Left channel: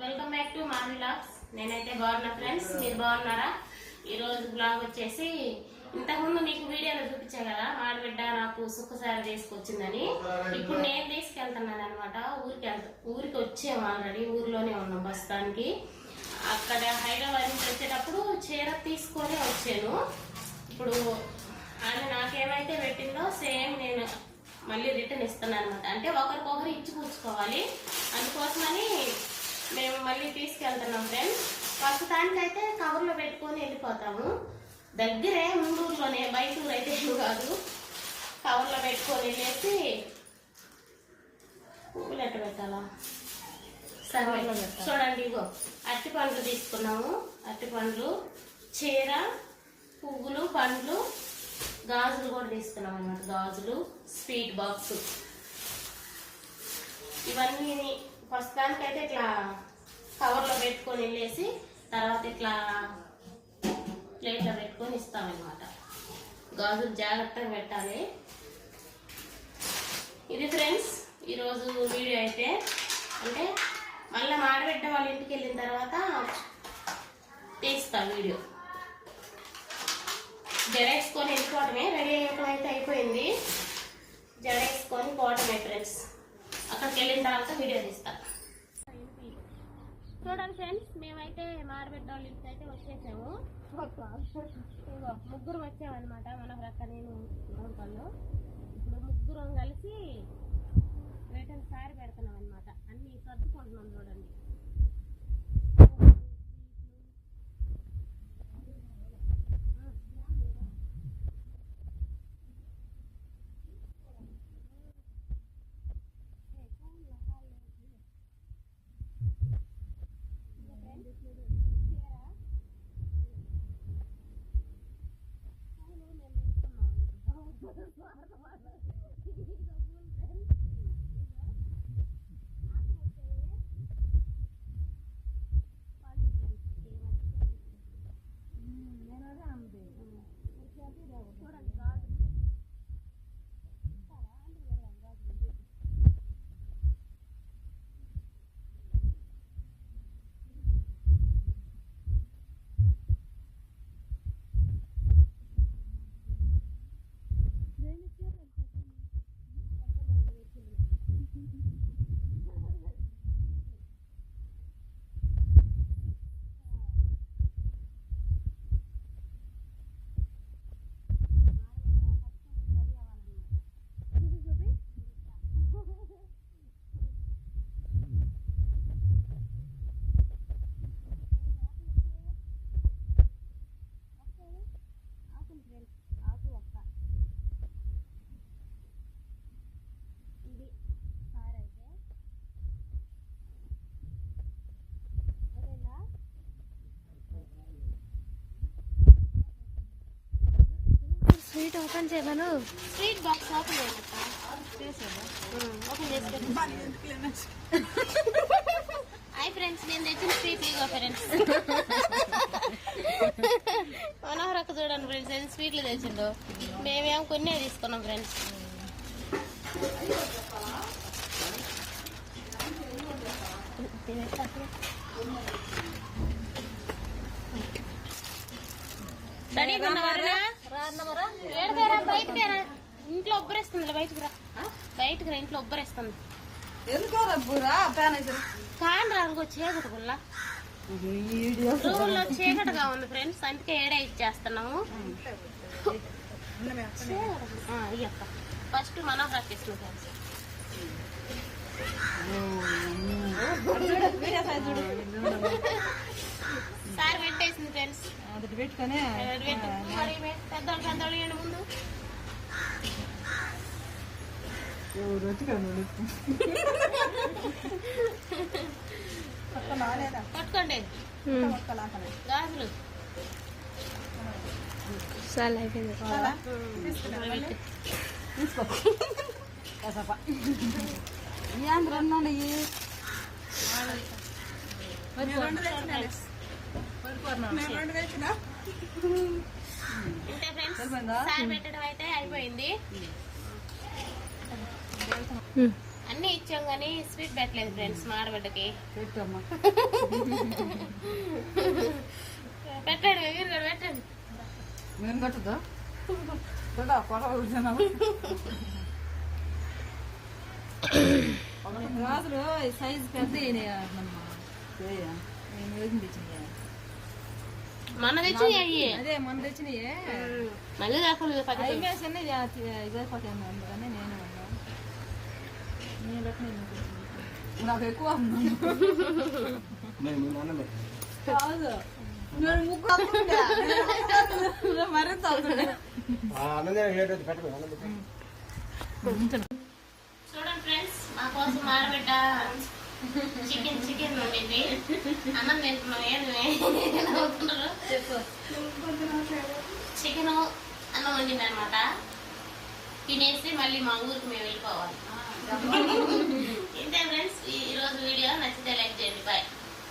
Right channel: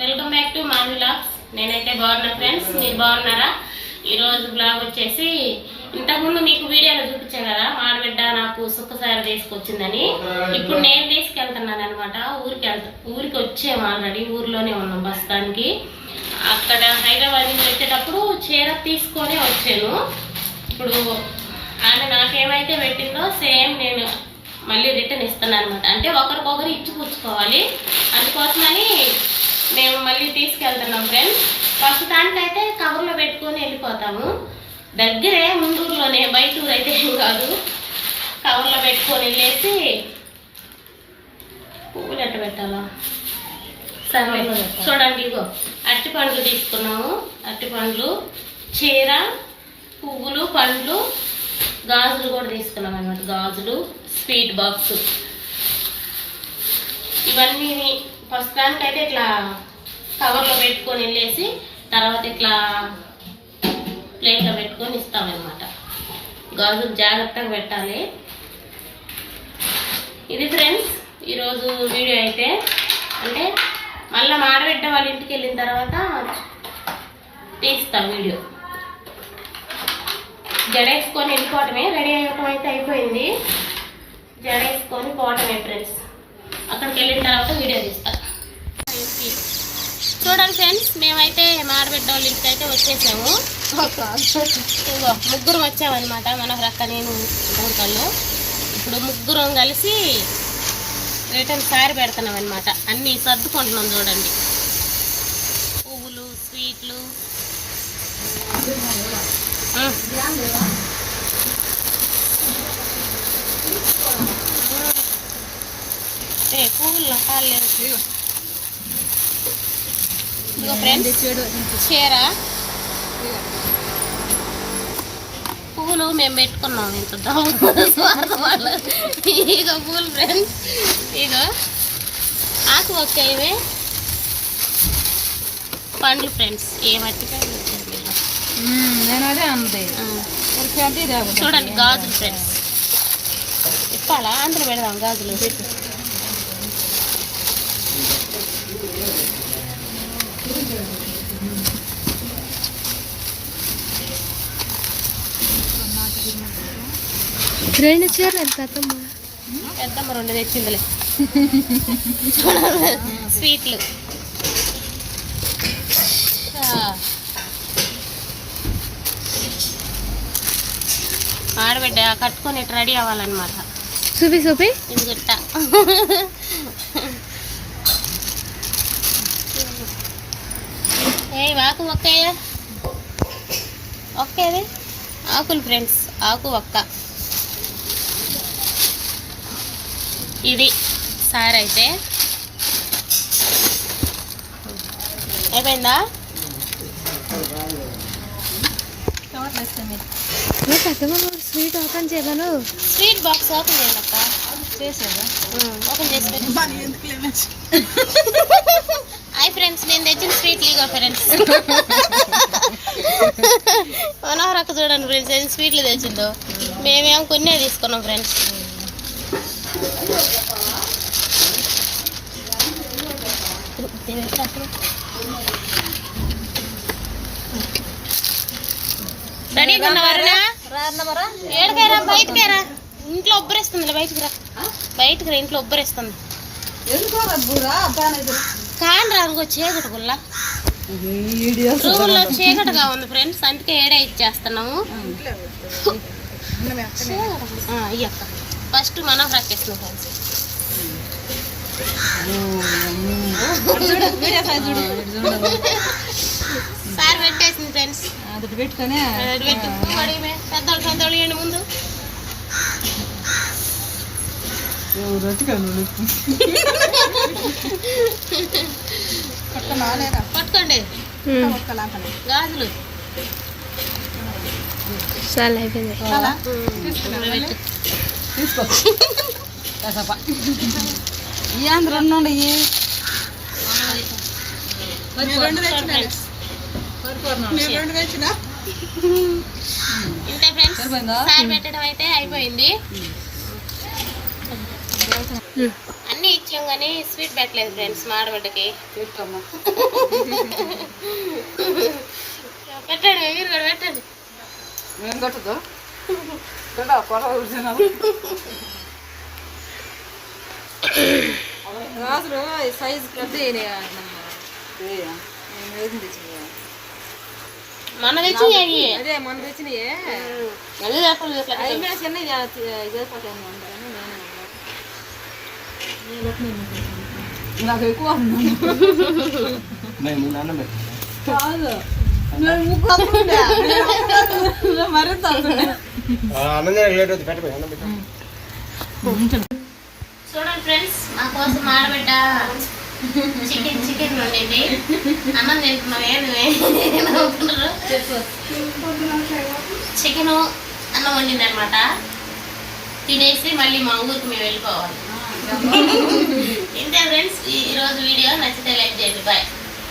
Welcome back to మా vlogs. నేనైతే బాగున్నా ఫ్రెండ్స్, మీరు బాగున్నారా? ఈరోజు బ్లాగ్ వచ్చేసి ఇంతకుముందు మీకు వీడియోలో చూపించాను కదా, మాడబిడ్డ నాకు సుక్కసారి తీసుకొచ్చిందని. ఇప్పుడు నేను తీసుకెళ్తున్నాను అనమాట. ఊరికి వచ్చాము, ఆల్రెడీ ఊర్లోనే ఉన్నాం ప్రస్తుతానికి. అక్కడ హైదరాబాద్ నుంచి వచ్చేటప్పుడు చీర తీసుకొని వచ్చాను. ఇప్పుడు ఆమె నాకేమైతే పెట్టిందో సేమ్ నేను మళ్ళీ రిటర్న్ ఇస్తాను అనమాట. అంటే ఒకరికొకరు ఇచ్చిపుచ్చుకోవాలి, అందుకోసమని మేము మళ్ళీ తీసుకెళ్తున్నాం ఫ్రెండ్స్. ప్రస్తుతానికైతే కవర్లో పెట్టుకొని వెళ్ళిపోతాము. దగ్గరే, ముందూరులోనే, బయట ఊరు అయితే ఏం కాదు. కవర్లో పెట్టుకొని వెళ్ళేసి పువ్వులు ఎట్ట పెట్టాలా సరే చూడండి. ఇగో అరటి పండ్లు తీసుకున్నాము. అరటి పండ్లు, చీర, పువ్వులు, పండ్లు, గాజులు కూడా తీసుకున్నాం అనమాట. గాజులు, స్వీట్ బాక్స్, ఇవన్నీ ప్రస్తుతానికైతే ఇట్లా కవర్లో పెట్టుకొని వెళ్ళేసి తర్వాత ఇట్లా ప్లేట్లో పెట్టుకొని ఇస్తామన్నమాట. గాజులు జాగ్రత్తగా పెట్టాలి. ఇది ఫ్రెండ్స్ ఈరోజు వీడియో అయితే. అంటే మళ్ళీ మాడబిడ్డ వాళ్ళ ఇంటికి వెళ్ళిన తర్వాత తీస్తాం వీడియో. జడేసుకొని వెళ్ళిపోవటమే, రెడీ అయ్యటం అయితే అయిపోయింది. జడేసుకొని పోవటమే ఫ్రెండ్స్. అక్కడికి వెళ్ళిన తర్వాత వీడియో తీస్తాం. చూడండి ఫ్రెండ్స్, మేమైతే మాడబిడ్డ వాళ్ళ ఇంటికి అయితే వచ్చేసాము. ఇగో ముగ్గురం వచ్చామన్నమాట, మనోహరక్క, నేను, ఊరికల్లో. ఇప్పుడు ముగ్గురం కలిసి రిటర్న్ సారీ పెడుతున్నాం అనమాట. అన్నీ సర్దుకుంటున్నాం. చూడండి, పువ్వులు, స్వీట్లు, పువ్వులు కాలేదు. ఇగో ఫ్రెండ్స్, చీర, పువ్వులు మేము పెట్టుకున్నాం. ఇంత వాళ్ళు ఇగో పూలు ఫ్రెండ్స్. ఇగో ఆకు ఒక్క, ఇవే పండ్లు ఫ్రెండ్స్. ఏ మట్టికాయలు వచ్చారు చూడండి. గాజులు ఫ్రెండ్స్, ఇప్పాలా అందులో పెడదాం గాజులు. రెండు చీరలు పెద్దమ్మ రెండు తెచ్చిందిలే. స్వీట్లు, ఆడబిడ్డ కట్టుకొని రెడీ అవ్వాలన్నమాట. చూపి చూపి ఇది గుట్ట. ఏ ఆకు ఒక్కయ్య, ఒక్కేది ఆకులు ఫ్రెండ్స్. ఆకు ఒక్క. ఇది సారీ అయితే అయిపోయిందా? స్వీట్ ఓపెన్ చేయమను. స్వీట్ బాక్స్ ఓపెన్ చేయాలక్క. చేసావా? ఓపెన్ చేసి హాయ్ ఫ్రెండ్స్, నేను తెచ్చిన స్వీట్లు ఇగో ఫ్రెండ్స్. మనోహరక్క చూడండి ఫ్రెండ్స్, ఏది స్వీట్లు తెచ్చిందో. మేమేమో కొన్నే తీసుకున్నాం ఫ్రెండ్స్. రెడీగా ఉన్నావారా? ఏడకైరా, బయటకేరా. ఇంట్లో ఉబ్బరేస్తుంది. బయటికి రా, బయటికి రా. ఇంట్లో ఉబ్బరేస్తుంది. కాని రానుకో చీకటి గుల్ల. రూముల్లో చీకటిగా ఉంది ఫ్రెండ్స్, అందుకే ఏడే ఇచ్చేస్తున్నాము. అయ్యక్క ఫస్ట్ మనోహరక్క ఇస్తున్నాం ఫ్రెండ్స్. సార్ పెట్టేసింది ఫ్రెండ్స్. పెట్టుకొని పెద్దోళ్ళు పెద్దోళ్ళు ఏంటి ముందు పట్టుకోండి గాజులు. చాలా అయిపోయింది. ఇంతే ఫ్రెండ్స్, సారీ పెట్టడం అయితే అయిపోయింది. అన్నీ ఇచ్చాం కానీ స్వీట్ పెట్టలేదు ఫ్రెండ్స్ మా ఆడబిడ్డకి. పెట్టమ్మా. పెట్టండి మీరు కూడా పెట్టండి. మేము కట్టదు గాజులు సైజు పెద్ద మన తెచ్చి అదే మొన్న తెచ్చినాయే మళ్ళీ చిన్న ఇదే పట్టాను అందుకని నాకు ఎక్కువ కాదు మరింత చూడండి ఫ్రెండ్స్ మా కోసం ఆడబిడ్డ చికెన్ వండింది. అన్నం తింటున్నావే నువ్వేమవుతున్నారు? చికెన్ అన్నం వండింది అనమాట. తినేసి మళ్ళీ మా ఊరికి మేము వెళ్ళిపోవాలి. ఇంతే ఫ్రెండ్స్ ఈరోజు వీడియో. నచ్చితే